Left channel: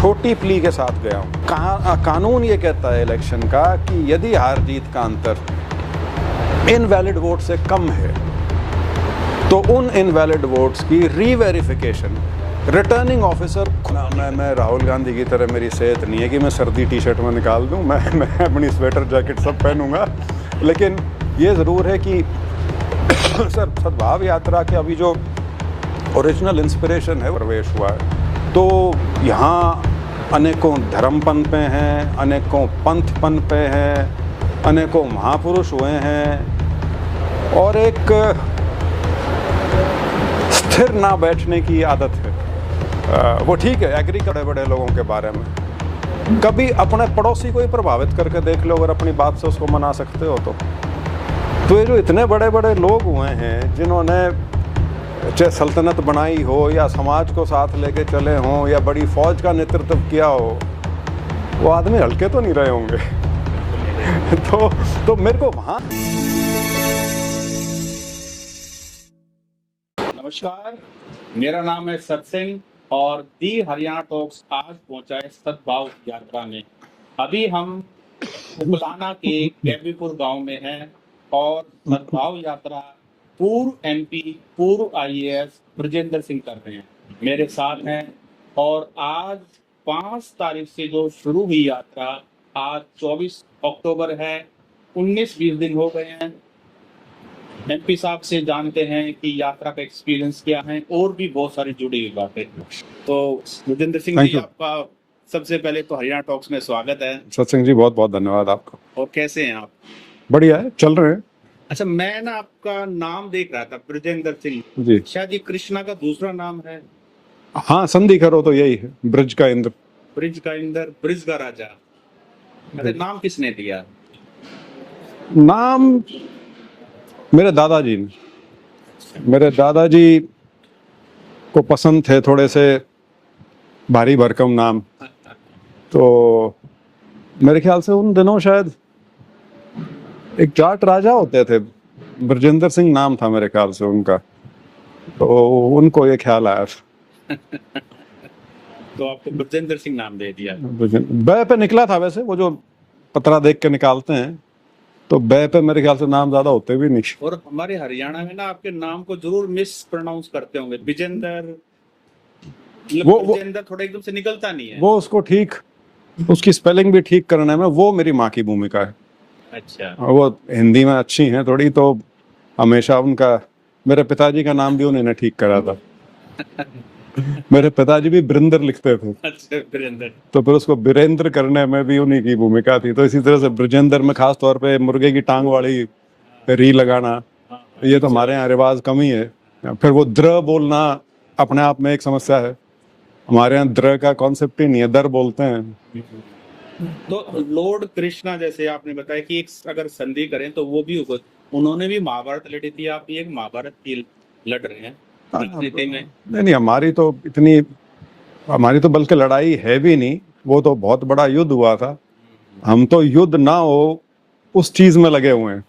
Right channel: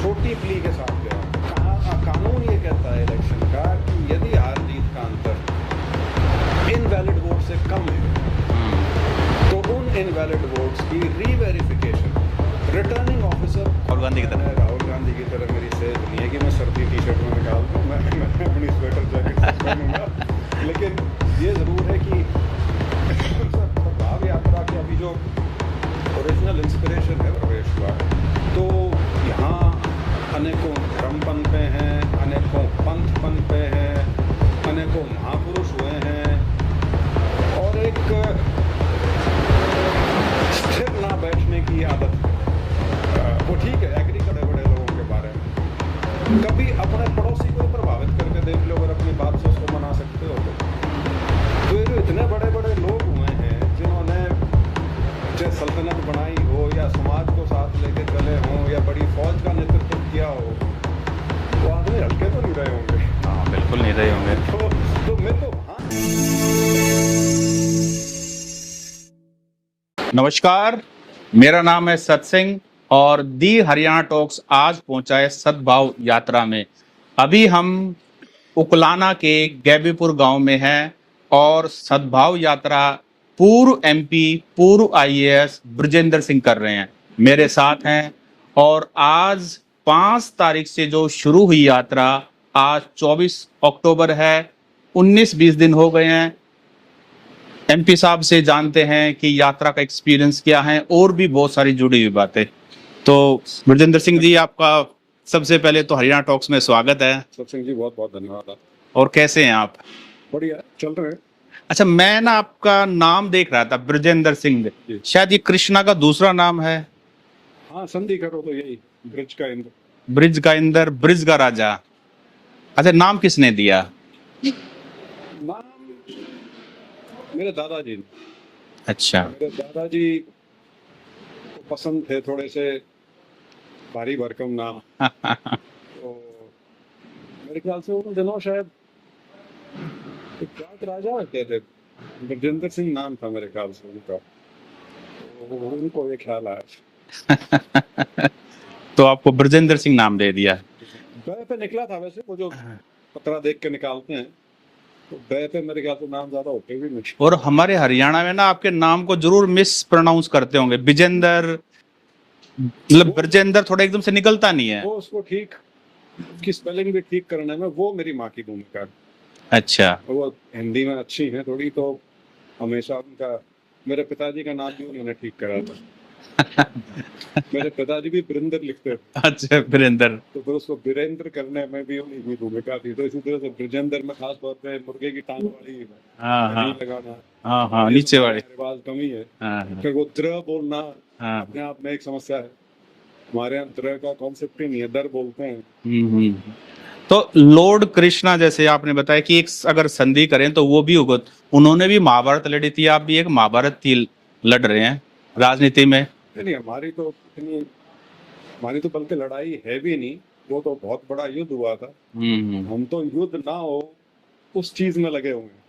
छोटी प्ली के साथ गया हूँ। कानून ये कहता है इलेक्शन का कि यदि हार जीत का अंतर इनवैलिड वोट से कम है तो उन इनवैलिड वोट्स की रीवेरिफिकेशन रिटर्निंग ऑफिसर, मैं राहुल गांधी की तरह मेरी सेहत नहीं है कि मैं सर्दी टी शर्ट में निकाल दूं, मैं अपनी स्वेटर जैकेट सब पहनूंगा, लेकिन ये ज़रूर है कि सद्भाव यात्रा के अभी जो ओरिजिनल इंस्पिरेशन है प्रवेश हुआ है, तो यहाँ अनेकों धर्म पनपे हैं, अनेकों पंथ पनपे हैं, अनेकों महापुरुष हुए हैं और एक स्थिर ना बैठने की आदत है। वो ठीक है, एग्री करे बड़े लोगों के बारे में, कभी अपने पड़ोसी को ही प्रभावित करके देख लो, अगर अपनी बात से उसको मना सकते हो तो ये जो इतने बड़े बड़े लोग हुए हैं जिन्होंने चाहे सल्तनत बनाई हो या समाज को साथ लेके चले हों या बड़ी फौज का नेतृत्व किया हो, वो आदमी हल्के तो नहीं रहे होंगे। बिल्कुल नहीं रहे होंगे। तो मेरे को वहाँ नमस्कार, मेरा नाम है सत्सिंह और दी हरियाणा टॉक्स आज पहुंचा है सद्भाव यात्रा में। अभी हम उकलाना के गैबीपुर गांव में हैं और सद्भाव यात्रा पूर्व एमपी, पूर्व आईएएस ब्रजेंद्र सिंह कर रहे हैं, मेरे साथ हैं। और आज 5 तारीख से जो शुरू हुई यात्रा, आज 24 अक्टूबर है, 19-20 दिन हो गए हैं। एमपी साहब से जानते हैं कि यात्रा का एक्सपीरियंस क्या है और भी बहुत सारी जुड़ी हुई बातें। तो ब्रजेंद्र सिंह जी, आपका सबसे पहले तो हरियाणा टॉक्स में स्वागत है। सत्सिंह जी, बहुत बहुत धन्यवाद आपका। और कैसे हैं आप? बढ़िया है, चल रहे हैं। अच्छा, मैं ना आपका नाम देख रहा था, ब्रजेंद्र सिंह जी। शायद ये कृष्णा का दूसरा नाम है। हाँ, संधि करो तो यही है, ब्रिज का इंद्र। ब्रिज का इंद्र, ब्रिज का राजा। अच्छा, नाम किसने दिया? नाम मेरे दादाजी ने। अच्छा। मेरे दादाजी को पसंद थे थोड़े से भारी भरकम नाम तो मेरे ख्याल से उन दिनों शायद एक जाट राजा होते थे, ब्रजेंद्र सिंह नाम था मेरे ख्याल से उनका, तो उनको ये ख्याल आया तो आपको ब्रजेंद्र सिंह नाम दे दिया। बै पे निकला था, वैसे वो जो पतरा देख के निकालते हैं तो बै पे मेरे ख्याल से नाम ज्यादा होते भी नहीं। और हमारे हरियाणा में ना आपके नाम को जरूर मिस प्रोनाउंस करते होंगे, बिजेंद्र, मतलब ब्रजेंद्र थोड़ा एकदम से निकलता नहीं है। वो उसको ठीक, उसकी स्पेलिंग भी ठीक करने में वो मेरी माँ की भूमिका है। अच्छा। वो हिंदी में अच्छी हैं थोड़ी, तो हमेशा उनका, मेरे पिताजी का नाम भी उन्होंने ठीक करा था मेरे पिताजी भी बिरेंद्र लिखते थे। अच्छा, बिरेंद्र। तो फिर उसको बिरेंद्र करने में भी उन्हीं की भूमिका थी। तो इसी तरह से ब्रजेंद्र में खास तौर पे मुर्गे की टांग वाली री लगाना, ये तो हमारे यहाँ रिवाज कम ही है। फिर वो द्र बोलना अपने आप में एक समस्या है, हमारे यहाँ द्र का कॉन्सेप्ट ही नहीं है, दर बोलते हैं। तो लॉर्ड कृष्णा, जैसे आपने बताया कि एक अगर संधि करें तो वो भी होगा, उन्होंने भी महाभारत लड़ी थी, आप भी एक महाभारत की लड़ रहे हैं राजनीति में। नहीं, हमारी तो बल्कि लड़ाई है भी नहीं, वो तो बहुत बड़ा युद्ध हुआ था। हम तो युद्ध ना हो उस चीज में लगे हुए हैं।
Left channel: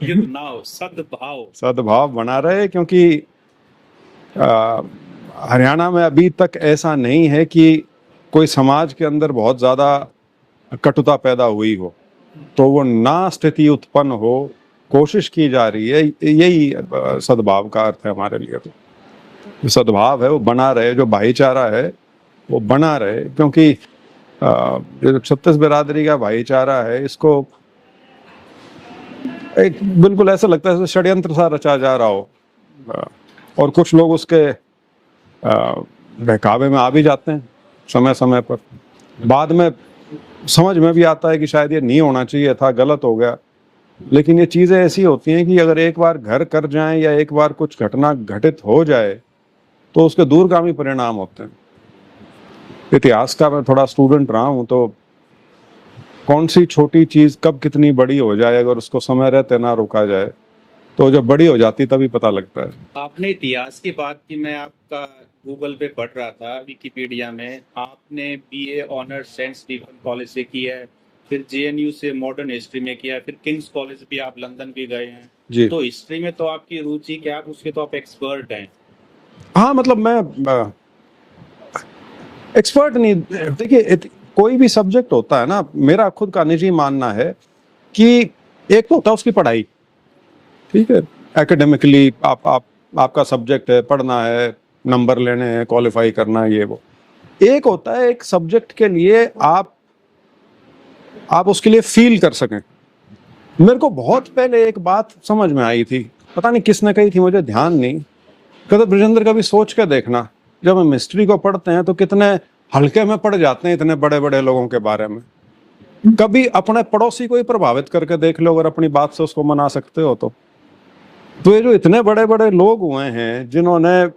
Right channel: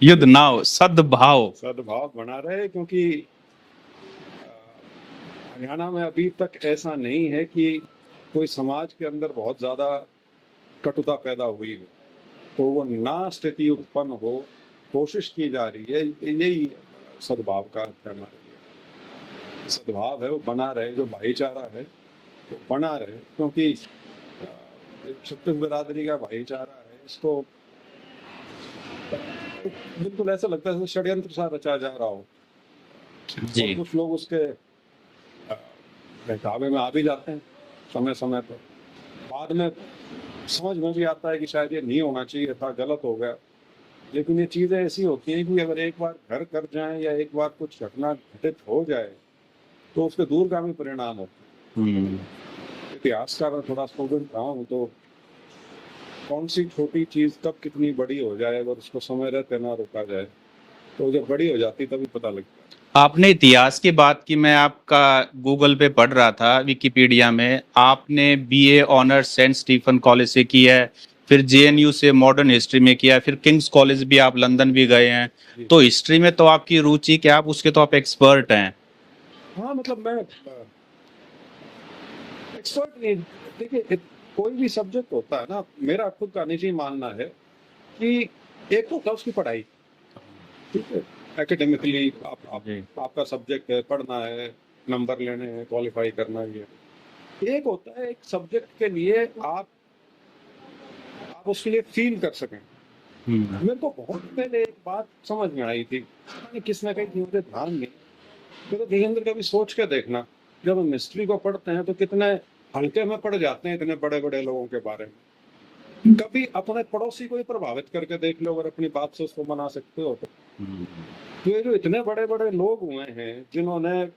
युद्ध ना हो, सद्भाव बना रहे, क्योंकि हरियाणा में अभी तक ऐसा नहीं है कि कोई समाज के अंदर बहुत ज्यादा कटुता पैदा हुई हो, तो वो ना स्थिति उत्पन्न हो, कोशिश की जा रही है। यही सद्भाव का अर्थ है हमारे लिए। तो सद्भाव है वो बना रहे, जो भाईचारा है वो बना रहे, क्योंकि जो छत्तीस बिरादरी का भाईचारा है, इसको एक बिल्कुल ऐसा लगता है जैसे षड्यंत्र सा रचा जा रहा हो, और कुछ लोग उसके बहकावे में आ भी जाते हैं समय समय पर। बाद में समझ में भी आता है कि शायद ये नहीं होना चाहिए था, गलत हो गया। लेकिन ये चीजें ऐसी होती हैं कि अगर एक बार घर कर जाएं या एक बार कुछ घटना घटित हो जाए तो उसके दूरगामी परिणाम होते हैं। इतिहास का मैं थोड़ा स्टूडेंट रहा हूं, तो कौन सी छोटी चीज कब कितनी बड़ी हो जाए, अगर उसको समय रहते ना रोका जाए तो जब बड़ी हो जाती तभी पता लगता है। आपने इतिहास की बात की, मैं आपका गूगल पे पढ़ रहा था, विकिपीडिया में आपने BA honours Saint Stephen College से की है, फिर जेएनयू से मॉडर्न हिस्ट्री में किया, फिर किंग्स कॉलेज भी, आप लंदन भी गए हैं। तो हिस्ट्री में तो आपकी रुचि क्या, आप उसके तो आप एक्सपर्ट हैं। हाँ, मतलब मैं एक्सपर्ट नहीं, देखिए कोई भी सब्जेक्ट होता है ना, मेरा खुद का निजी मानना है कि एक तो होता है उसकी पढ़ाई, ठीक है, एकेडमिकली आपका सब्जेक्ट है, पढ़ना है, नंबर लेने हैं, क्वालिफाई करना है, ये वो। एक होता है एक सब्जेक्ट के लिए आप उसके लिए फील कर सकें। मेरे को बहुत पहले एक बात समझ में आई थी, पता नहीं किसने कही थी, मुझे ध्यान नहीं, कहते ब्रजेंद्र कभी सोच के देखना, जब हम हिस्ट्री को पढ़ते हैं तो कितने हल्के में पढ़ जाते हैं इतने बड़े बड़े लोगों के बारे में। कभी अपने पड़ोसी को ही प्रभावित करके देख लो, अगर अपनी बात से उसको मना सकते हो तो ये जो इतने बड़े बड़े लोग हुए हैं जिन्होंने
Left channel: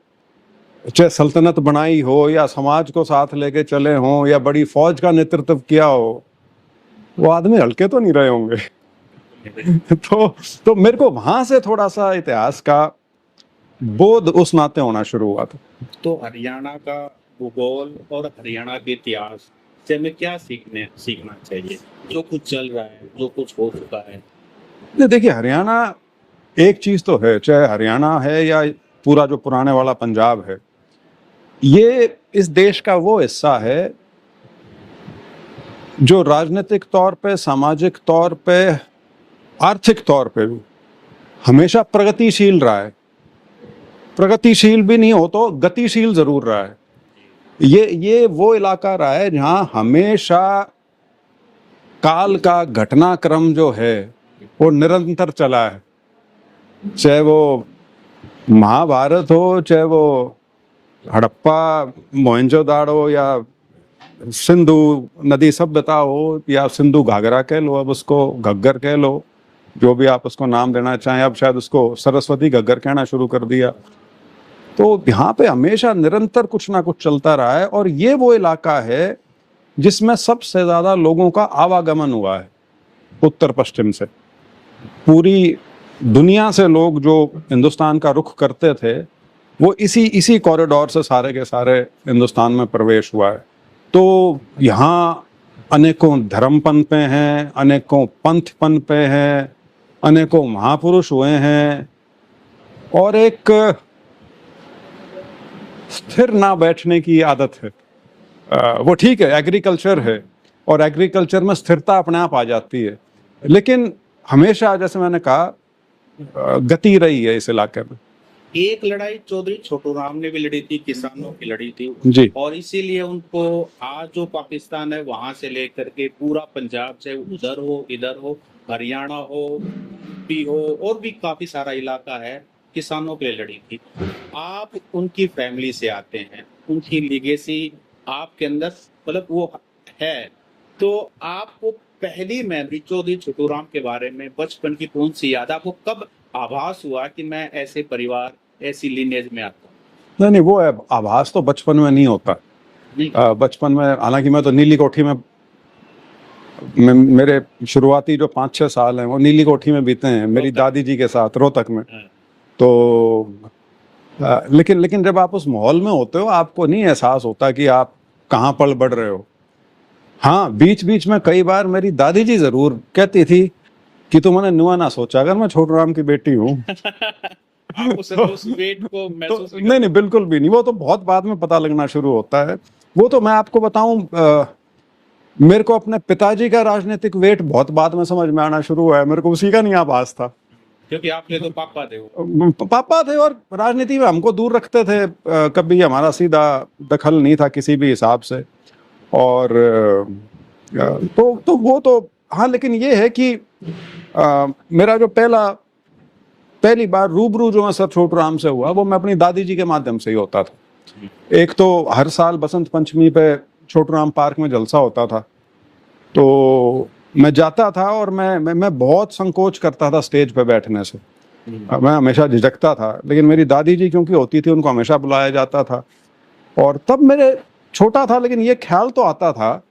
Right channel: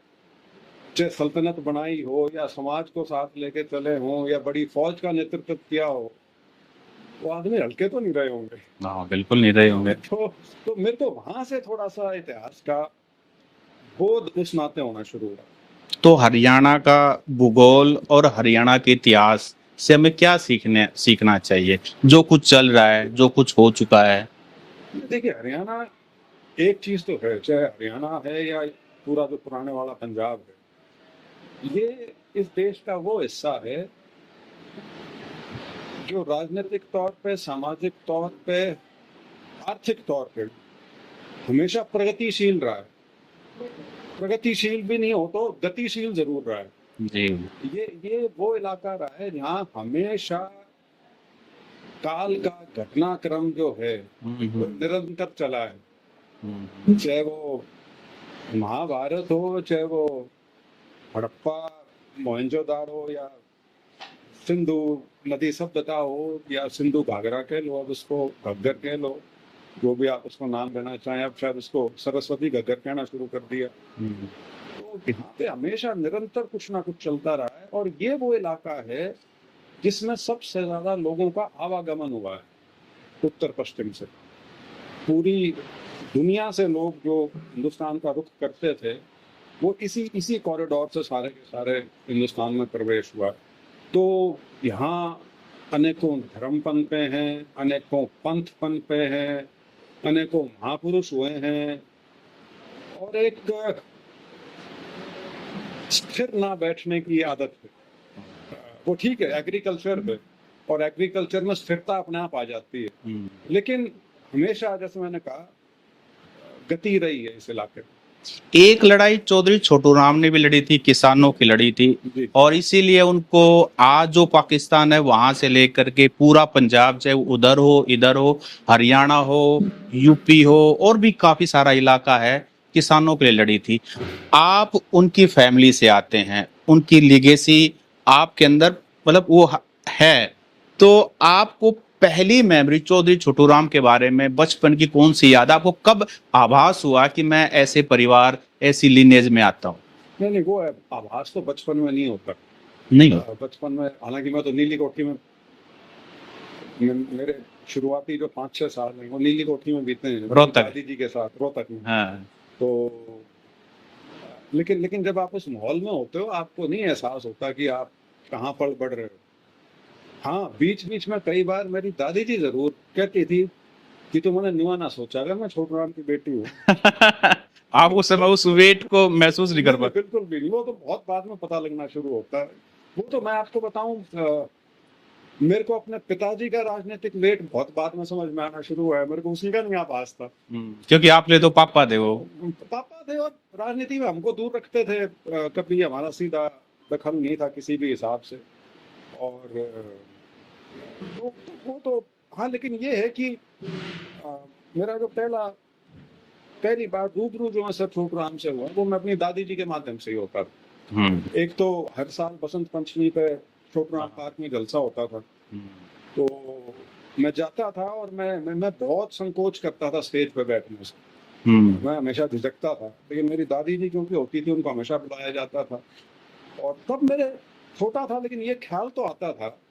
चाहे सल्तनत बनाई हो या समाज को साथ लेके चले हों या बड़ी फौज का नेतृत्व किया हो, वो आदमी हल्के तो नहीं रहे होंगे। बिल्कुल नहीं रहे होंगे। तो मेरे को वहां से थोड़ा सा इतिहास का बोध उस नाते होना शुरू हुआ था। तो हरियाणा का भूगोल और हरियाणा के इतिहास से हमें क्या सीखना चाहिए, जो कुछ चल रहा है, जो कुछ हो चुका है? देखिए, हरियाणा एक चीज तो है, चाहे हरियाणा है या पूरा जो पुराने वाला पंजाब है, ये इस देश का वो हिस्सा है जो राजनीतिक तौर पे, सामाजिक तौर पे, आर्थिक तौर पे भी हमेशा प्रगतिशील रहा है। प्रगतिशील भी नहीं हो तो गतिशील जरूर रहा है जी। ये वो इलाका रहा है जहां हमेशा काल का घटनाक्रम जो है वो निरंतर चला है। चाहे वो महाभारत हो, चाहे वो हड़प्पा मोहनजोदाड़ो या सिंधु नदी सभ्यता हो, या सिंधु घाघरा कह लो, अब उसको घग्गर कह लो, जो भी आप उसको नाम देना चाहें, अब शायद उसको सरस्वती घग्गर कहना शुरू कर दिया। तो यहाँ पे हमेशा निरंतर कुछ ना कुछ चलता रहा है, और ये वो इलाका है जिसमें सबसे ज्यादा लोगों का आवागमन हुआ है उत्तर पश्चिम से। पूरी दुनिया से लोग जो हिंदुस्तान का रुख करते थे वो इसी कॉरिडोर से सारे के सारे हिंदुस्तान में प्रवेश हुआ है। तो यहाँ अनेकों धर्म पनपे हैं, अनेकों पंथ पनपे हैं, अनेकों महापुरुष हुए हैं, और एक स्थिर ना बैठने की आदत है। वो ठीक है, एग्रीकल्चर है, और एग्रीकल्चर में स्थिरता अपने आप आ जाती है, लेकिन हमेशा जैसे मैंने कहा गति रही है इस इलाके में। एक लड़ाई चौधरी छोटू राम ने भी लड़ी थी, किसानों की लड़ी थी जी। और इसीलिए उनको आज जो पाकिस्तान है वहां से लेकर के पूरा पंजाब, चाहे उधर हो, इधर हो, हरियाणा हो, यूपी हो, और भी काफी सारा इलाका है, किसानों के लिए लड़ी थी। आप उनकी फैमिली से आते हैं, उनकी लिगेसी आपके अंदर मतलब वो है, तो आपको पहली मेमोरी चौधरी छोटू राम के बारे में बचपन की कौन सी याद? आपको कब आभास हुआ कि मैं ऐसे परिवार, ऐसी लिनेज में आता हूँ? नहीं, वो है आभास तो बचपन में नहीं होता। नहीं, बचपन में, हालांकि मैं तो नीली कोठी में मेरे शुरुआती जो 5-6 साल हैं वो नीली कोठी में बीते हैं मेरी दादी जी के साथ, रोहतक में। तो लेकिन जब आप उस माहौल में होते हो आपको नहीं एहसास होता कि आप कहाँ पल बढ़ रहे हो। हाँ, बीच बीच में कई बार मेरी दादी जी जरूर कहती थी कि तुमने नुआ ना सोचा अगर मैं छोटू राम की बेटी हूँ। आप उस वेट को महसूस नहीं नहीं, बिल्कुल भी नहीं। वो तो बहुत बाद में पता लगना शुरू होता है। वो तो मैं आपको बताऊं, मेरे को अपने पिताजी का राजनीतिक वेट बहुत बाद में समझ में आना शुरू हुआ है। मेरे को उसी का नहीं आभास था, क्योंकि आपने तो पापा थे, वो पापा थे और राजनीति में हमको दूर रखते थे। कभी हमारा सीधा दखल नहीं था किसी भी हिसाब से। और तो वो तो हाँ, लेकिन ये है कि मेरा जो पहली बार रूबरू जो मैं सर छोटू राम से हुआ वो मैं अपनी दादी जी के माध्यम से ही होता था। एक तो हर साल बसंत पंचमी पे छोटू राम पार्क में जलसा होता था, तो मैं जाता था और मैं बहुत संकोच करता था स्टेज पे बैठने से। मैं हमेशा झिझकता था, लेकिन मेरी दादी जी क्योंकि होती थी उनको हमेशा बुलाया जाता था। और तब मेरे छोटा था लेकिन ये ख्याल तो आता था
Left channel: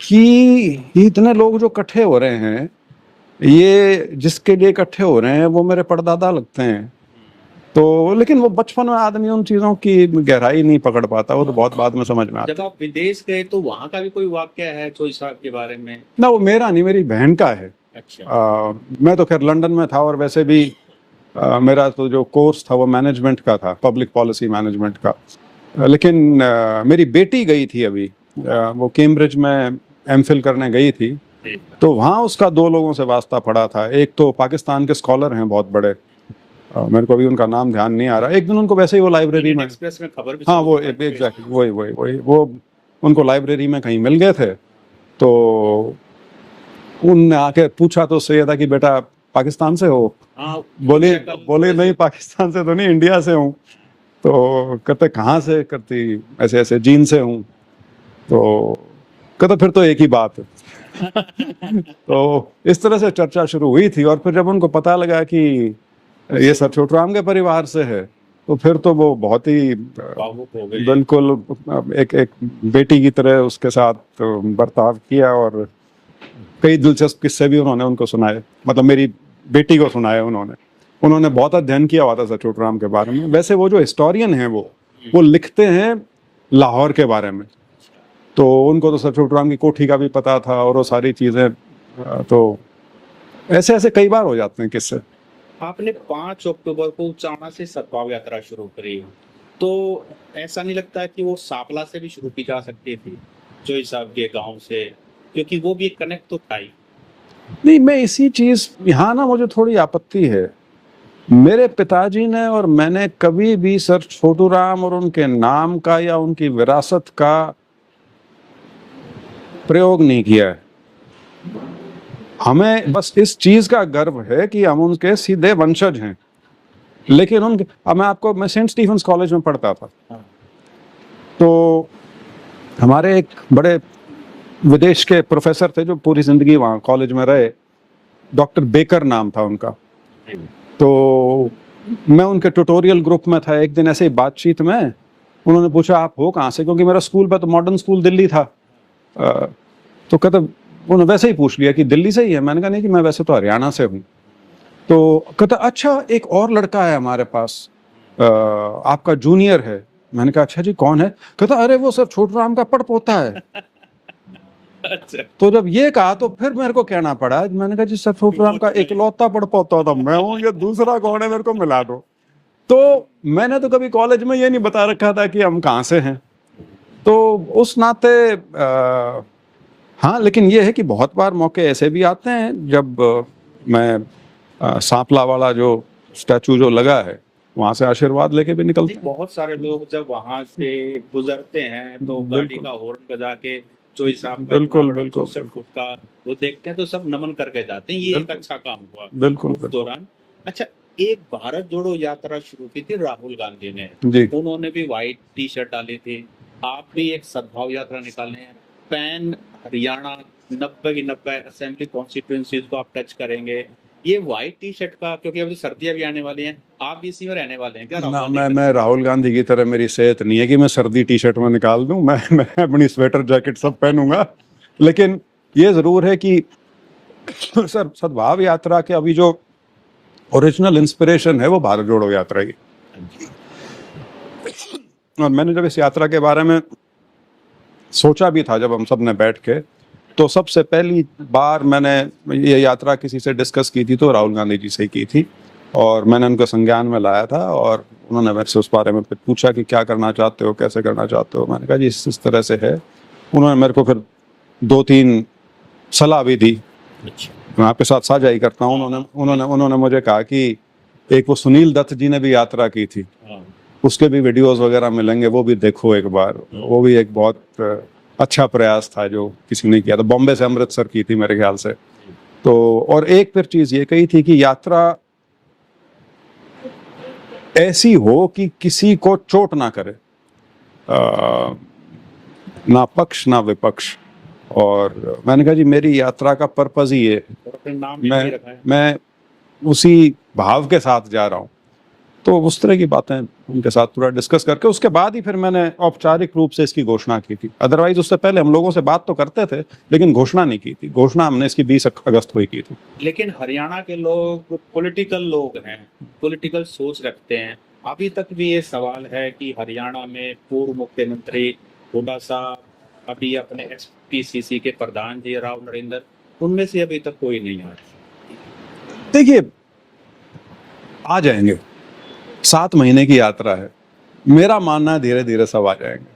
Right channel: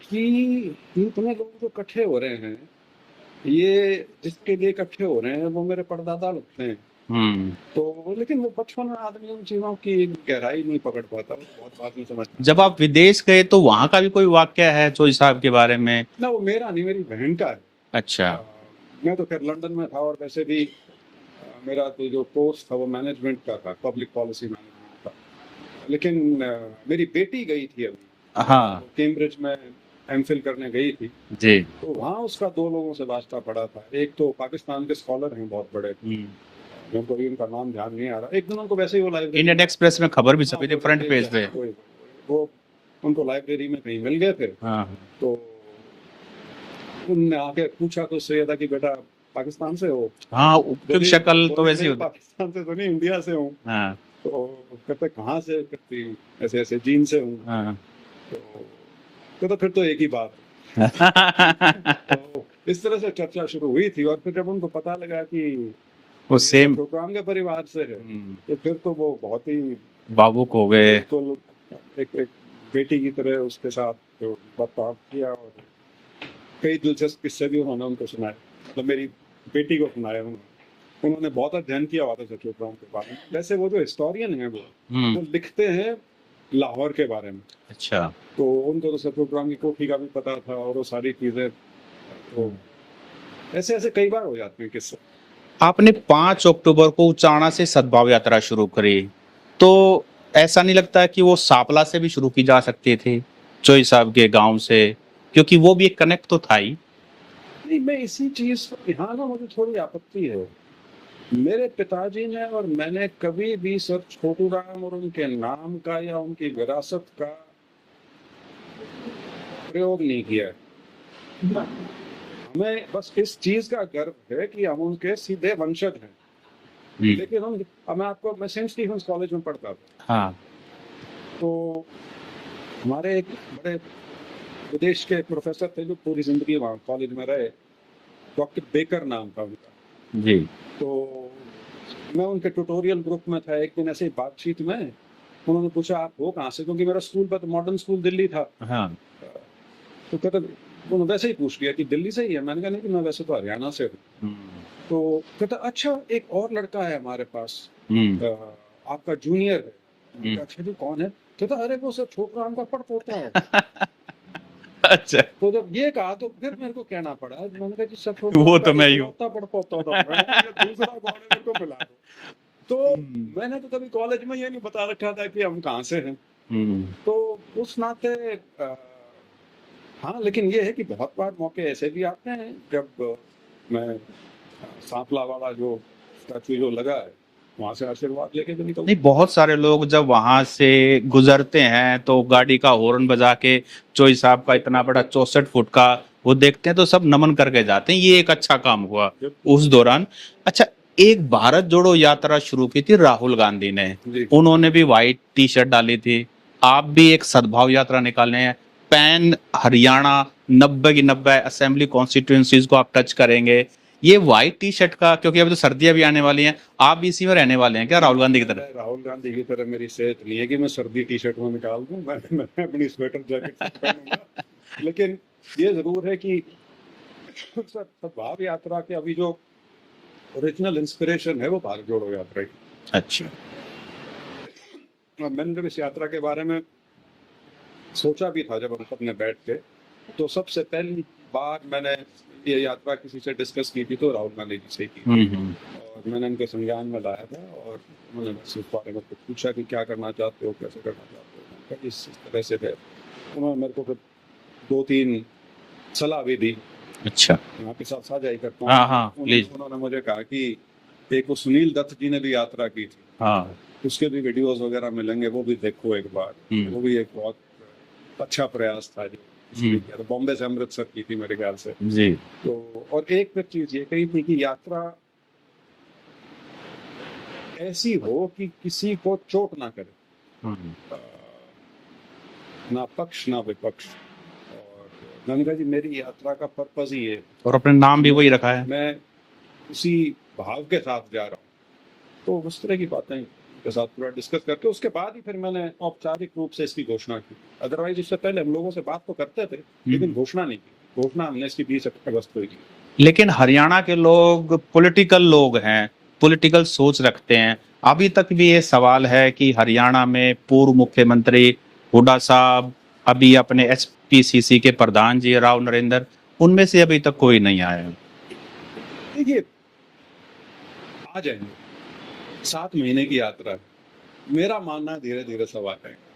कि इतने लोग जो इकट्ठे हो रहे हैं, ये जिसके लिए इकट्ठे हो रहे हैं वो मेरे परदादा लगते हैं। तो लेकिन वो बचपन में आदमी उन चीजों की गहराई नहीं पकड़ पाता, वो तो बहुत बाद में समझ में आता। जब आप विदेश गए तो वहां का भी कोई वाक्य है चौधरी साहब के बारे में? ना, वो मेरा नहीं, मेरी बहन का है। अच्छा। मैं तो खैर लंदन में था और वैसे भी मेरा तो जो कोर्स था वो मैनेजमेंट का था, पब्लिक पॉलिसी मैनेजमेंट का। लेकिन मेरी बेटी गई थी अभी, हाँ। वो कैम्ब्रिज में एमफिल करने गई थी, जी। तो वहाँ उसका दो लोगों से वास्ता पड़ा था। एक तो पाकिस्तान के स्कॉलर हैं बहुत बड़े, मेरे को अभी उनका नाम ध्यान नहीं आ रहा। एक दिन उनको वैसे ही वो लाइब्रेरी इंडियन में, एक्सप्रेस में खबर भी हाँ छपी थी वो फ्रंट पेज पे। वही वो उनको लाइब्रेरी में कहीं मिल गए थे, हाँ। तो उनने आके पूछा तो उससे ये था कि बेटा पाकिस्तान से हो? हाँ, बोले शक्ल तो बोले वैसी नहीं, होती। पाकिस्तान से तो नहीं, इंडिया से हूँ। हाँ। तो कहते कहाँ से? करती ऐसे ऐसे जीन से हूँ। हाँ। तो कहते फिर तो एक ही बात है। तो इस तरह से चर्चा शुरू हुई थी, और फिर जब उनको पता लगा कि वो ये सेम सब छोटूराम के परिवार से है, तो फिर तो वो बहुत ही भावुक हो गए। बिल्कुल एक एक बेटी की तरह उसके साथ बर्ताव किया, और कई दिलचस्प किस्से भी उन्होंने उनको सुनाए, मतलब मेरी बेटी को सुनाए उन्होंने बहुत अध्ययन किया हुआ था सर छोटूराम के बारे में। वैसे वो जो हिस्टोरियन है वो लिखते हैं लाहौर के बारे में। अच्छा। तो उनको तो सर छोटूराम की कोठी का भी पता था, और वो सारी चीजें, तो ऐसे ऐसे कई बार हो जाते हैं किस्से। आपने 5 अक्टूबर को उचाना से सद्भाव यात्रा शुरू करी, तो ऐसा नहीं लगता कि वो सापला से भी शुरू की जा सकती थी, चोई साहब के गांव से, क्योंकि वो भी एक कनेक्ट तो था ही। नहीं, मैं इसी चीज, यहाँ ना मुझे थोड़ी आपत्ति है। मेरे पिताजी ने और मैंने कभी भी सर छोटूराम और उनके नाम का या उनकी विरासत का प्रयोग नहीं किया है। हमें बस इस चीज का गर्व है कि हम उनके सीधे वंशज हैं। लेकिन उनके, अब मैं सेंट स्टीफेंस कॉलेज में पढ़ता था। हाँ। तो हमारे एक बड़े विदेश के प्रोफेसर थे जो पूरी जिंदगी वहाँ कॉलेज में रहे, डॉक्टर बेकर नाम था उनका। जी। तो मैं उनके ट्यूटोरियल ग्रुप में था। एक दिन ऐसे ही बातचीत में उन्होंने पूछा आप हो कहाँ से, क्योंकि मेरा स्कूल पे तो मॉडर्न स्कूल दिल्ली था। हाँ। तो कहता, उन्होंने वैसे ही पूछ लिया कि दिल्ली से ही है। मैंने कहा नहीं कि मैं वैसे तो हरियाणा से हूँ। तो कहता अच्छा एक और लड़का है हमारे पास, आपका जूनियर है। मैंने कहा अच्छा जी कौन है? कहता अरे वो सर छोटूराम का पड़पोता है। अच्छा। तो जब ये कहा तो फिर मेरे को कहना पड़ा। मैंने कहा जी सर छोटूराम का इकलौता पड़पोता था मैं हूँ, ये दूसरा कौन है मेरे को मिला दो। तो मैंने तो कभी कॉलेज में ये नहीं बता रखा था कि हम कहाँ से हैं। तो उस नाते हाँ, लेकिन ये है कि बहुत बार मौके ऐसे भी आते हैं जब मैं सांपला वाला जो स्टैचू जो लगा है वहां से आशीर्वाद लेके भी निकलते। नहीं, बहुत सारे लोग जब वहां से गुजरते हैं तो गाड़ी का हॉर्न बजा के चोई साहब का इतना बड़ा 64 फुट का वो देखते हैं तो सब नमन करके जाते हैं। ये एक अच्छा काम हुआ उस दौरान। अच्छा, एक भारत जोड़ो यात्रा शुरू की थी राहुल गांधी ने, उन्होंने भी व्हाइट टी शर्ट डाली थी। आप भी एक सद्भाव यात्रा निकालने हैं, पैन हरियाणा 90 की 90 असेंबली कॉन्स्टिट्यूएंसीज को आप टच करेंगे। ये व्हाइट टी शर्ट का, क्योंकि अभी तो सर्दियां भी आने वाली हैं, आप भी इसी में रहने वाले हैं क्या राहुल गांधी की तरह? मैं राहुल गांधी की तरह मेरी सेहत नहीं है कि मैं सर्दी टी शर्ट में निकाल दूं। मैं अपनी स्वेटर जैकेट सब पहनूंगा। लेकिन ये जरूर है कि सर सद्भाव यात्रा के अभी जो ओरिजिनल इंस्पिरेशन है वो भारत जोड़ो यात्रा की। अच्छा। और मैंने जब इस यात्रा के बारे में सोचा भी था, जब हम सब ने बैठ के, तो सबसे पहली बार मैंने ये यात्रा किसी से डिस्कस की थी तो राहुल गांधी जी से की थी। और मैंने उनको संज्ञान में लाया था, और उन्होंने मेरे से उस बारे में पूछा कि क्या करना चाहते हो, कैसे करना चाहते हो। मैंने कहा जी इस तरह से है। उन्होंने मेरे को फिर 2-3 सलाह भी दी। अच्छा, मैं आपके साथ साझा ही करता हूँ। उन्होंने मुझे कहा कि एक वो सुनील दत्त जी ने भी यात्रा की थी, उसके भी वीडियोस वगैरह मिलेंगे, वो भी देखो एक बार। वो भी एक बहुत अच्छा प्रयास था जो किसी ने किया था। बॉम्बे से अमृतसर की थी मेरे ख्याल से जी। तो और एक फिर चीज ये कही थी कि यात्रा ऐसी हो कि किसी को चोट ना करे, ना पक्ष ना विपक्ष। और मैंने कहा जी मेरी यात्रा का पर्पज ही है, और अपने नाम भी वही रखा है। मैं उसी भाव के साथ जा रहा हूँ। तो उस तरह की बातें उनके साथ पूरा डिस्कस करके उसके बाद ही फिर मैंने औपचारिक रूप से इसकी घोषणा की थी। अदरवाइज उससे पहले हम लोगों से बात तो करते थे लेकिन घोषणा नहीं की थी। घोषणा हमने इसकी 20 अगस्त को ही की थी। लेकिन हरियाणा के लोग पॉलिटिकल लोग हैं, पॉलिटिकल सोच रखते हैं। अभी तक भी ये सवाल है कि हरियाणा में पूर्व मुख्यमंत्री हुड्डा साहब, अभी अपने HPCC के प्रधान जी राव नरेंद्र, उनमें से अभी तक कोई नहीं आया। देखिए आ जाएंगे, 7 महीने की यात्रा है। मेरा मानना है धीरे धीरे सब आ जाएंगे।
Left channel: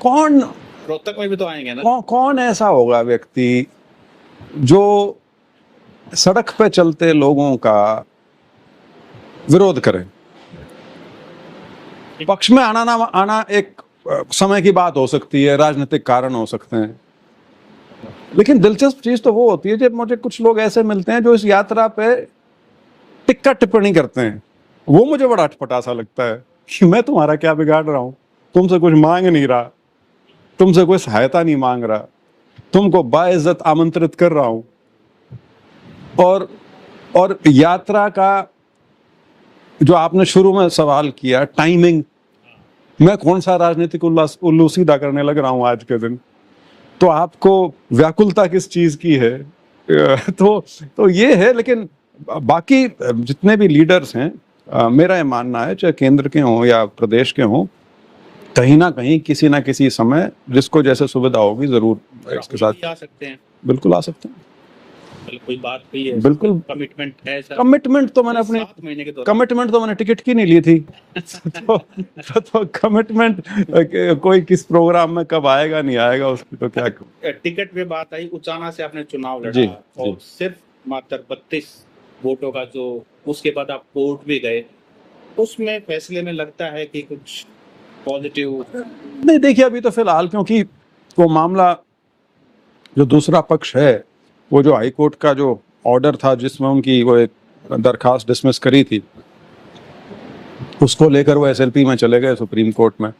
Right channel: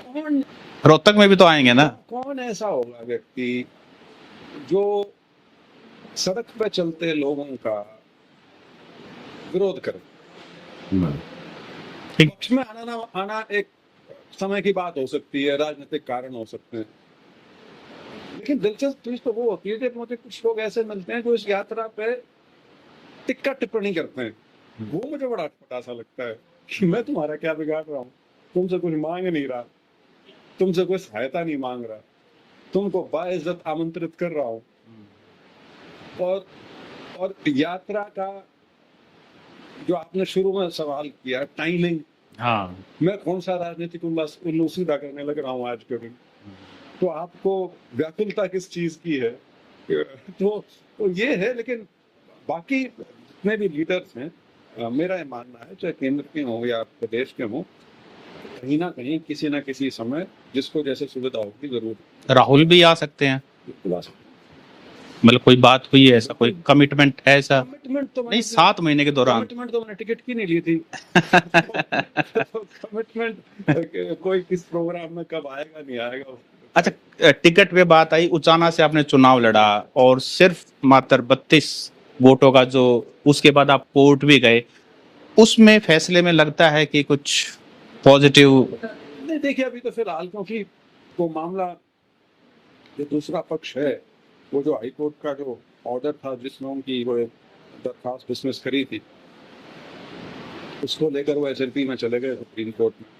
कौन रोहतक में भी तो आएंगे ना। कौन ऐसा होगा व्यक्ति जो सड़क पे चलते लोगों का विरोध करे? ठीक। पक्ष में आना ना आना एक समय की बात हो सकती है, राजनीतिक कारण हो सकते हैं, लेकिन दिलचस्प चीज तो वो होती है जब मुझे कुछ लोग ऐसे मिलते हैं जो इस यात्रा पे टिक्का टिप्पणी करते हैं। वो मुझे बड़ा अटपटा सा लगता है कि मैं तुम्हारा क्या बिगाड़ रहा हूं, तुमसे कुछ मांग नहीं रहा, तुमसे कोई सहायता नहीं मांग रहा, तुमको बाइज्जत आमंत्रित कर रहा हूं। और यात्रा का जो आपने शुरू में सवाल किया, टाइमिंग, हाँ, मैं कौन सा राजनीतिक उल्लू सीधा करने लग रहा हूं आज के दिन, तो आपको व्याकुलता किस चीज की है? तो ये है। लेकिन बाकी जितने भी लीडर्स हैं, मेरा ये मानना है चाहे केंद्र के हों या प्रदेश के हों, कहीं ना कहीं किसी ना किसी समय जिसको जैसे सुविधा होगी जरूर राहुल भी आ सकते हैं। बिल्कुल आ सकते हैं। मतलब कोई बात हुई है, ऐसा बिल्कुल। कोई कमिटमेंट है ऐसा? कमिटमेंट तो मैंने अपनी 7 महीने के दौरान कमिटमेंट तो मैंने टिकट की नहीं ली थी। तो कमिटमेंट कोई किस प्रोग्राम में कब आएगा नहीं आएगा उसकी तो क्या। अच्छा, टिकट पे बात आई, उचाना से आपने चुनाव लड़ा और सिर्फ मात्र 32 वोटों का, जो उसके बाद आप कोर्ट भी गए, उसमें फैसले में लगता है कि कुछ पॉजिटिव नहीं? देखिए अभी तो फिलहाल, क्योंकि वो मामला जो दूसरा पक्ष है, वो जो हाई कोर्ट का जो ऑर्डर था जिसमें उनकी वो एक दरखास्त डिसमिस करी थी, उसको लेकर वो एसएलपी में चले गए सुप्रीम कोर्ट में,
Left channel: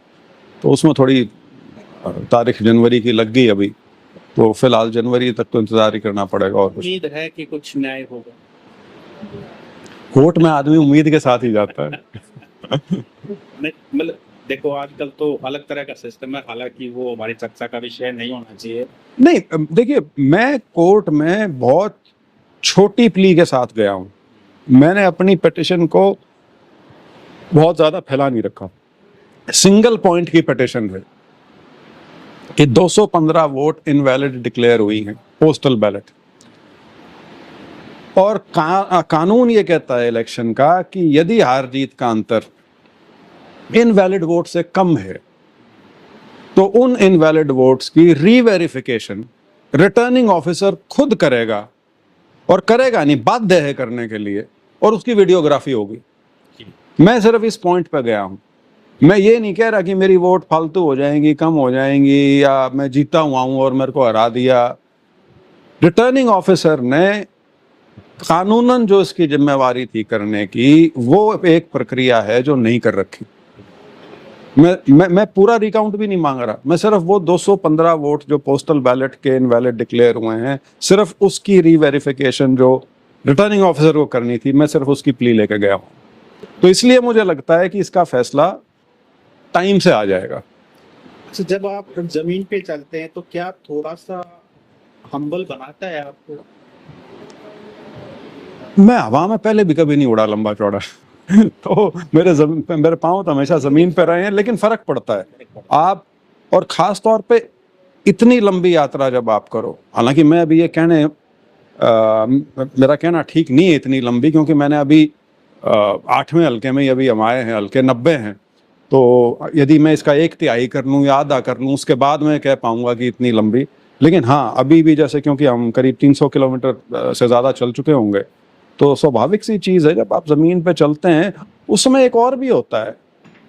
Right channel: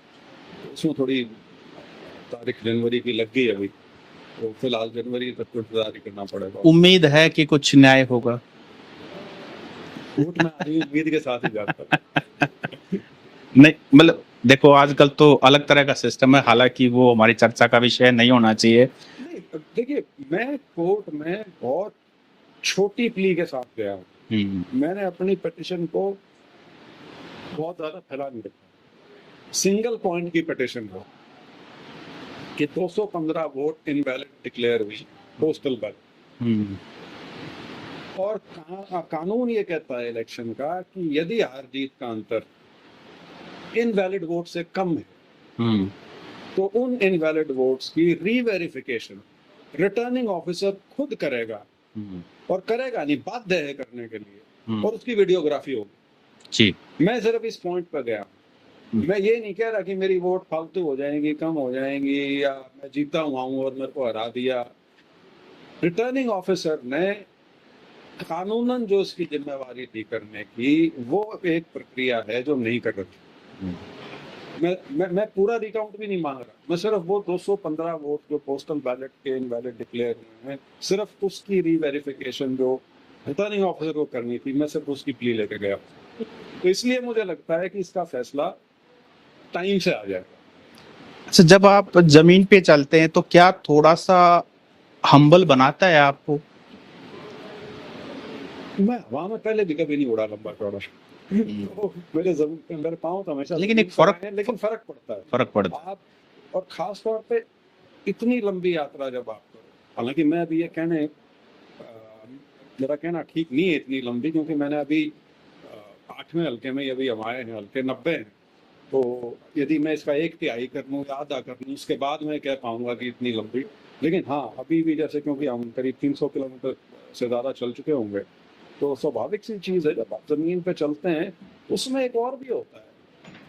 तो उसमें थोड़ी तारीख जनवरी की लग गई अभी, तो फिलहाल जनवरी तक तो इंतजार ही करना पड़ेगा। उम्मीद है कि कुछ न्याय होगा? कोर्ट में आदमी उम्मीद के साथ ही जाता है। नहीं, मतलब देखो आजकल तो अलग तरह का सिस्टम है, हालांकि वो हमारी चर्चा का विषय नहीं होना चाहिए। नहीं देखिए, मैं कोर्ट में बहुत छोटी प्ली के साथ गया हूँ। मैंने अपनी पिटीशन को बहुत ज्यादा फैला नहीं रखा। सिंगल पॉइंट की पिटीशन है कि 215 वोट इनवैलिड डिक्लेयर हुई हैं, पोस्टल बैलेट। और कानून ये कहता है इलेक्शन का कि यदि हार जीत का अंतर इनवैलिड वोट से कम है तो उन इनवैलिड वोट्स की रीवेरिफिकेशन रिटर्निंग ऑफिसर खुद करेगा, और करेगा नहीं, बाध्य है करने के लिए, और उसकी वीडियोग्राफी होगी। जी, मैं सिर्फ इस पॉइंट पे गया हूं। मैं ये नहीं कह रहा कि मेरी वोट फालतू हो जाएंगी, कम हो जाएंगी, या मैं जीता हुआ हूं और मेरे को हरा दिया। रिटर्निंग ऑफिसर ने कानूनन जो इसकी जिम्मेवारी थी करने की, वो एक प्रक्रिया है जो नहीं कर रखी। मैं पूरा रिकाउंट भी नहीं मांग रहा, मैं सिर्फ वो 215 वोट जो पोस्टल बैलेट के इनवैलिड डिक्लेयर हुए हैं, सिर्फ उसकी रीवेरिफिकेशन जो रिटर्निंग ऑफिसर को करनी थी, मैं सिर्फ उसकी प्ली लेके गया हूं। तो इसलिए मुझे लगता है कि इसका फैसला टाइम से आ जाएगा। अच्छा, जब आप जमीन पे चलते हैं तो क्या थोड़ा सा हम्बल बनाता है आपको? मैं हवा में पहले भी कभी नहीं उड़ा लंबा चौड़ा। तो मेरे पाँव तो हमेशा जमीन पर रहे हैं, लेकिन फर्क पड़ता है। आप, और खास तौर पे इतनी लंबी यात्रा जब आप करो, हालांकि मैं अभी ये मेरा कहना ठीक नहीं है इतनी लंबी, क्योंकि मैंने अभी 8वें हल्के में अभी हम आए हैं, हल्के 90 हैं, तो यदि मैं इसका 1/3 कर लूँ या आधा कर लूँ, उसके बाद मैं कह पाऊंगा कि इतनी लंबी। लेकिन हाँ, अभी भी जैसे, क्योंकि हम करीब 300 किलोमीटर से ज़्यादा चल चुके होंगे, तो स्वाभाविक सी चीज़ है जब आप ज़मीन पे चलते हैं उस समय एक और भी होता है।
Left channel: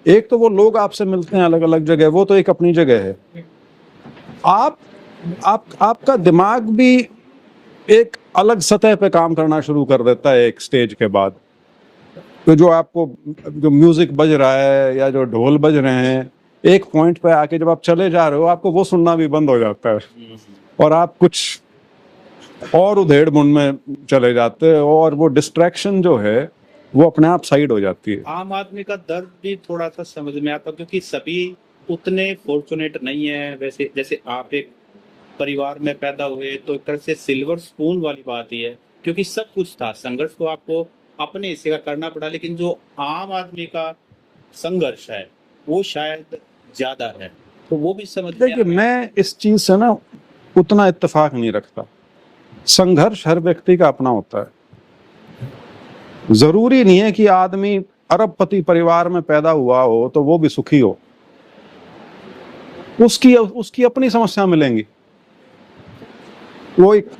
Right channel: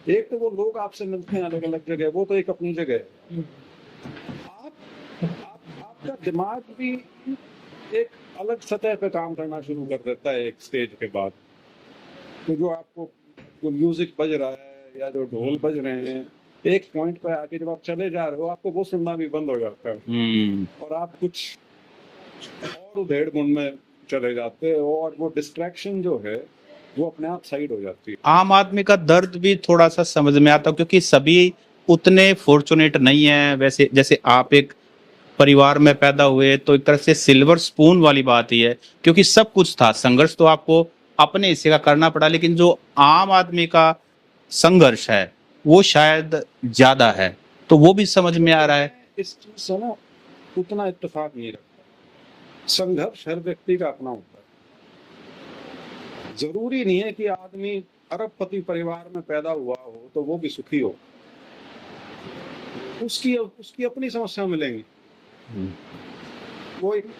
एक तो वो लोग आपसे मिलते हैं अलग अलग जगह, वो तो एक अपनी जगह है। आपका दिमाग भी एक अलग सतह पे काम करना शुरू कर देता है एक स्टेज के बाद। तो जो आपको जो म्यूजिक बज रहा है या जो ढोल बज रहे हैं, एक पॉइंट पे आके जब आप चले जा रहे हो, आपको वो सुनना भी बंद हो जाता है और आप कुछ और उधेड़ बुन में चले जाते हैं, और वो डिस्ट्रैक्शन जो है वो अपने आप साइड हो जाती है। आम आदमी का दर्द भी थोड़ा सा समझ में आता है, क्योंकि सभी उतने फॉर्चुनेट नहीं है। वैसे जैसे आप एक परिवार में पैदा हुए तो एक तरह से सिल्वर स्पून वाली बात ही है, क्योंकि सब कुछ था। संघर्ष तो आपको अपने हिस्से का करना पड़ा, लेकिन जो आम आदमी का संघर्ष है वो शायद ज्यादा है, तो वो भी समझ में आ रहा है। मैं इस चीज से ना उतना इत्तेफाक नहीं रखता। संघर्ष हर व्यक्ति का अपना होता है। जरूरी नहीं है कि आदमी अरबपति परिवार में पैदा हुआ हो तो वो भी सुखी हो, उसकी उसकी अपनी समस्या मिलेंगी। वो एक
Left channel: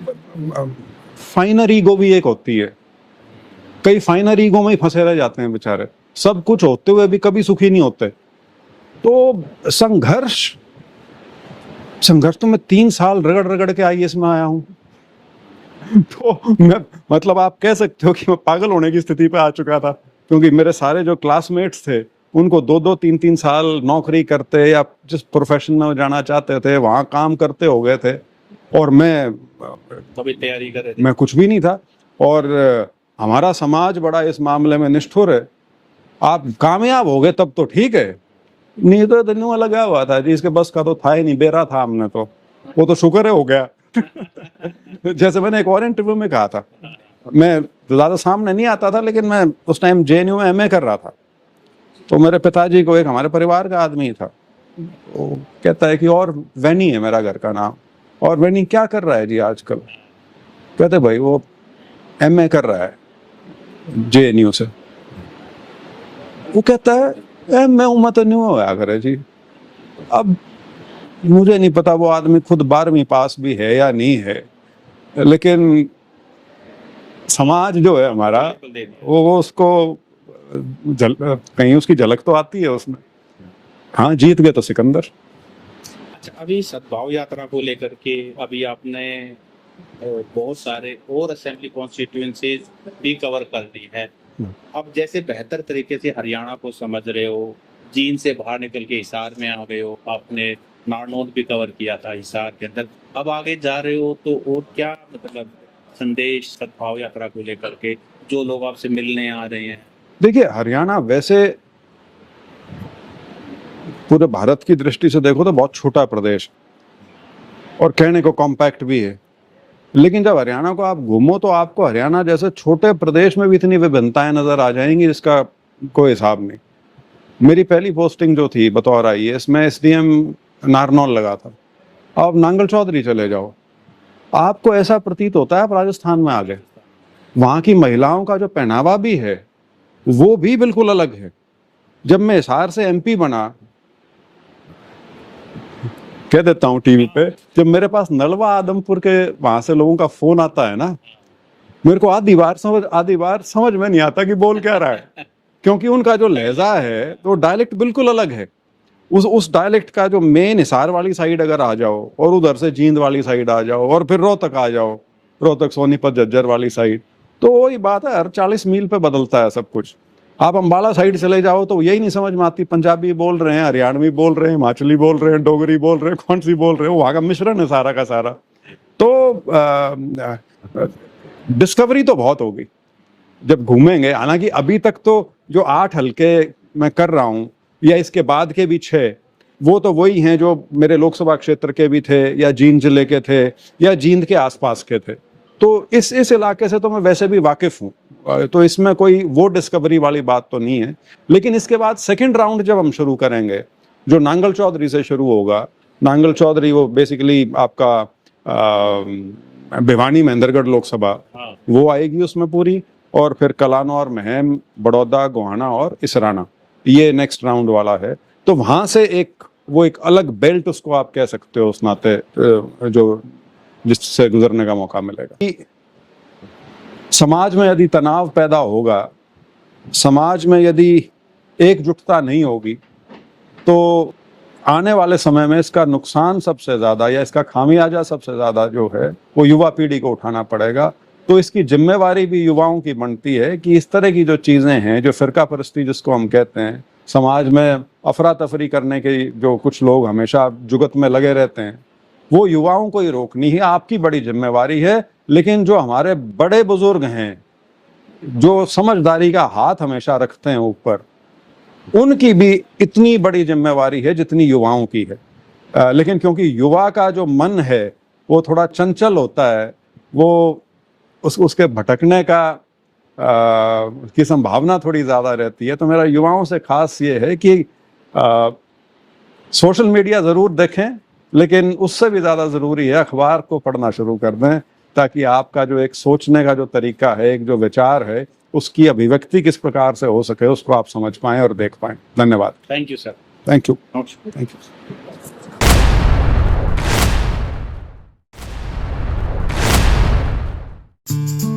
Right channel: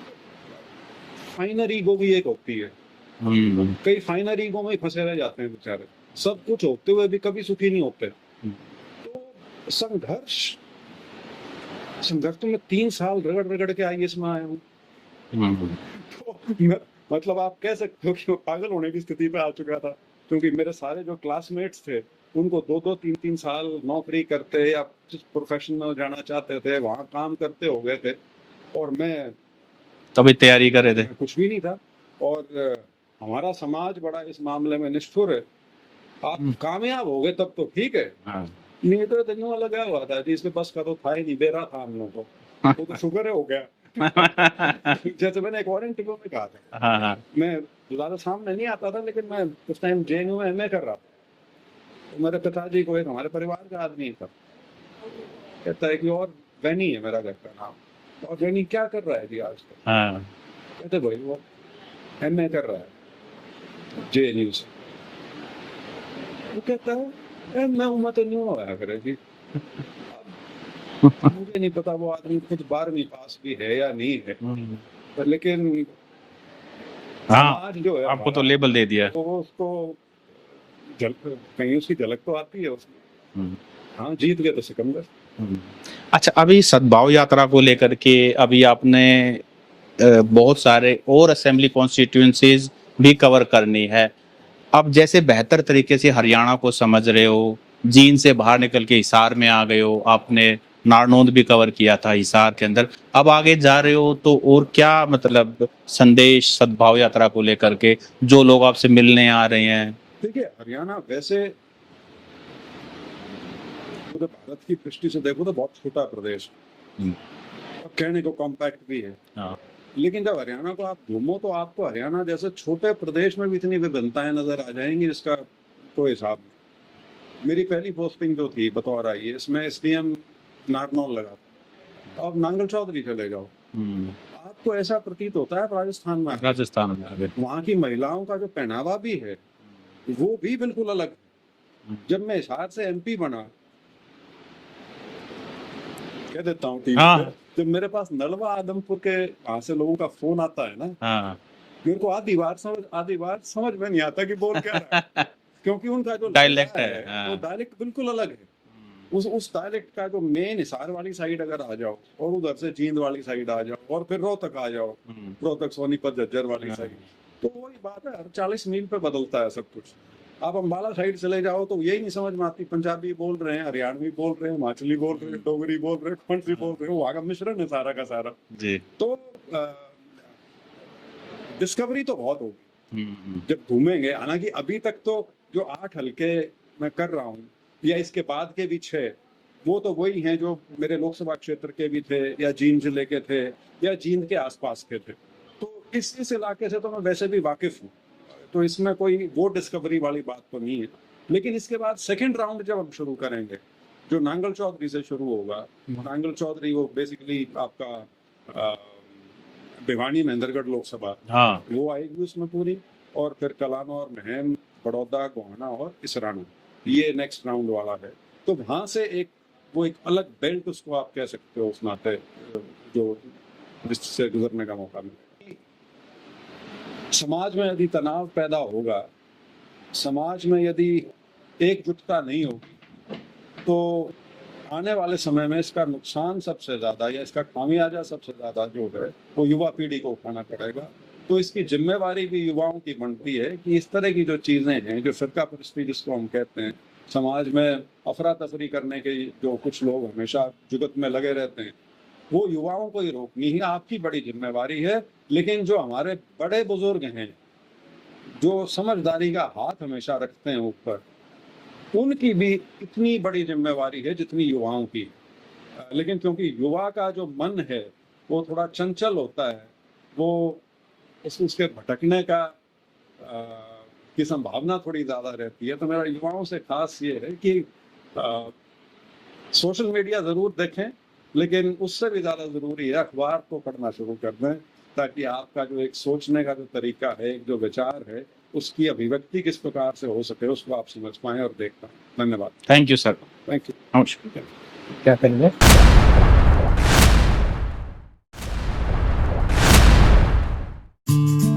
फाइनर ईगो भी एक होती है, कई फाइनर ईगो में ही फंसे रह जाते हैं बेचारे, सब कुछ होते हुए भी कभी सुखी नहीं होते। तो संघर्ष तो मैं 3 साल रगड़ रगड़ के आईएएस में आया हूं। तो मैं मतलब आप कह सकते हो कि मैं पागल होने की स्थिति पे आ चुका था, क्योंकि मेरे सारे जो क्लासमेट्स थे उनको 2-2 3-3 साल नौकरी करते या जिस प्रोफेशन में जाना चाहते थे वहां काम करते हो गए थे, और मैं तभी तैयारी कर रहे थे। मैं कुछ भी नहीं था। और हमारा समाज बड़ा इस मामले में निष्ठुर है। आप कामयाब हो गए तब तो ठीक है, नहीं तो दिनों में लगा हुआ था जी, इसके बस का तो था ही नहीं, बेरा था हमने तो, वो तो शुक्र है हो गया। जैसे मैंने एक और इंटरव्यू में कहा था, मैं ज्यादा सामने नहीं आता था, लेकिन मैं उस टाइम जेएनयू में एमए कर रहा था। तो मेरे पिताजी को एक हमारे परिवार का आदमी था, वो कहता है कि और वैनी है मेरा घर का नाम, और वैनी क्या कर रहा है जी आजकल? कहते भाई वो एमए कर रहा है जेएनयू से। वो कहता है एमए उम्र तो नहीं हुआ करे जी। अब मुझे नहीं पता वो आदमी खुद 12वीं पास भी है या नहीं है, लेकिन समाज जो है हमारा तो लेबल दे दिया, वो उसको कहीं उसकी झलक तो आती है उसमें। हाँ, जीत गए तो सिकंदर। अच्छा, अभी सद्भाव यात्रा को लेकर के अभी आपने बहुत सारे और असेंबली कॉन्स्टिट्यूएंसीज भी कवर करनी है। अब जैसे बेहतर तरीके से हरियाणा को समझ रहे हो, जींद से बाहर निकल के हिसार में आ गए हो, आपने नारनौंद भी कवर किया था हिसार के अंदर, अब आगे जा रहे हो, तो और क्या मतलब संदेश सद्भाव यात्रा को लेकर के जो लोग आपसे मिलने आ रहे हैं? देखिए, हरियाणा वैसे पूरे भारत की दृष्टि से देखो तो बहुत छोटा प्रदेश और कहने को कॉम्पैक्ट भी है, लेकिन जब हरियाणा को आप घूमो तो आपको हरियाणा जैसे छोटे प्रदेश में भी इतनी विभिन्नताएं नजर आ जाएंगी जिसका कोई हिसाब नहीं। मेरी पहली पोस्टिंग जो थी बतौर आईएएस में एसडीएम नारनौल लगा था। अब नांगल चौधरी चले जाओ, आपको ऐसा प्रतीत होता है आप राजस्थान में आ गए। वहां की महिलाओं का जो पहनावा भी है वो भी बिल्कुल अलग है। जब मैं हिसार से एमपी बना, कह देता हूँ टीवी पे, जब मेरे पास नलवा आदमपुर के वहां से लोगों का फोन आता है ना, मेरे को आधी बार समझ में नहीं आता कि बोल क्या रहा है, क्योंकि उनका जो लहजा है तो डायलेक्ट बिल्कुल अलग है। उस डायलेक्ट का जो मेन हिसार वाली साइड अगर आ जाओ और उधर से जींद वाली साइड आ जाओ और फिर रोहतक आ जाओ, रोहतक सोनीपत झज्जर वाली साइड, तो वही बात है, हर 40 मील पे बदलता है सब कुछ। आप अंबाला साइड चले जाओ तो यही नहीं समझ में आती, पंजाबी बोल रहे हैं, हरियाणवी बोल रहे हैं, हिमाचली बोल रहे हैं, डोगरी बोल रहे हैं, कौन सी बोल रहे हैं, वहां का मिश्रण है सारा का सारा जी। तो डिस्कवरी तो बहुत होगी जब घूमेंगे। हालांकि अभी तक तो जो 8 हलके मैं कर रहा हूँ या इसके बाद के भी 6, वो तो वही हैं जो मेरे लोकसभा क्षेत्र के भी थे या जींद जिले के थे या जींद के आसपास के थे। तो इस इलाके से तो मैं वैसे भी वाकिफ हूँ, तो इसमें कोई वो डिस्कवरी वाली बात तो नहीं है। लेकिन इसके बाद सेकंड राउंड जब हम शुरू करेंगे, जो नांगल चौधरी से शुरू होगा, नांगल चौधरी वो बेसिकली आपका भिवानी महेंद्रगढ़ लोकसभा, वो आएगी उसमें पूरी, और फिर कलानौर, महम, बड़ौदा, गोहाना और इसराना, ये नेक्स्ट राउंड वाला है। तो वहां से एक अलग बेल्ट उसको आप कह सकते हो उस नाते, जो जिससे गुजरने का मौका मिलेगा। समाज में यदि तनाव पैदा होगा, समाज में यदि एकजुटता नहीं होगी, तो आने वाले समय में इसका नुकसान सबसे ज्यादा या इसका खामियाजा सबसे ज्यादा जो है वो युवा पीढ़ी को उठाना पड़ेगा। तो इसकी जिम्मेवारी भी युवाओं की बनती है कि इस तरह की जो चीजें हैं, जो फिरका परस्ती जिसको हम कहते हैं, समाज में अफरा तफरी करने के जो कुछ लोग हमेशा जुगत में लगे रहते हैं, वो युवाओं को ही रोकनी ही आपकी बड़ी जिम्मेवारी है। लेकिन जो हमारे बड़े बुजुर्ग हैं, जो समझदारी का हाथ हमेशा रखते हैं ऊपर, उनकी भी इतनी बड़ी जिम्मेवारी है जितनी युवाओं की है। लेकिन क्योंकि युवा का जो मन है वो थोड़ा चंचल होता है, वो उसके भटकने का की संभावना थोड़ी ज़्यादा रहती है। तो मेरा युवाओं से खास ये है कि सोशल मीडिया ज़रूर देखें, लेकिन उससे भी ज़्यादा ज़रूरी है अखबार को पढ़ना शुरू कर दें, ताकि आपका जो एक सोचने का जो तरीका है, एक जो विचार है, उसकी अभिव्यक्ति किस प्रकार से हो सके उसको आप समझ पाएं और देख पाएं। धन्यवाद। Thank you sir. Thank you. नमस्कार। Thank you. क्या करेंगे?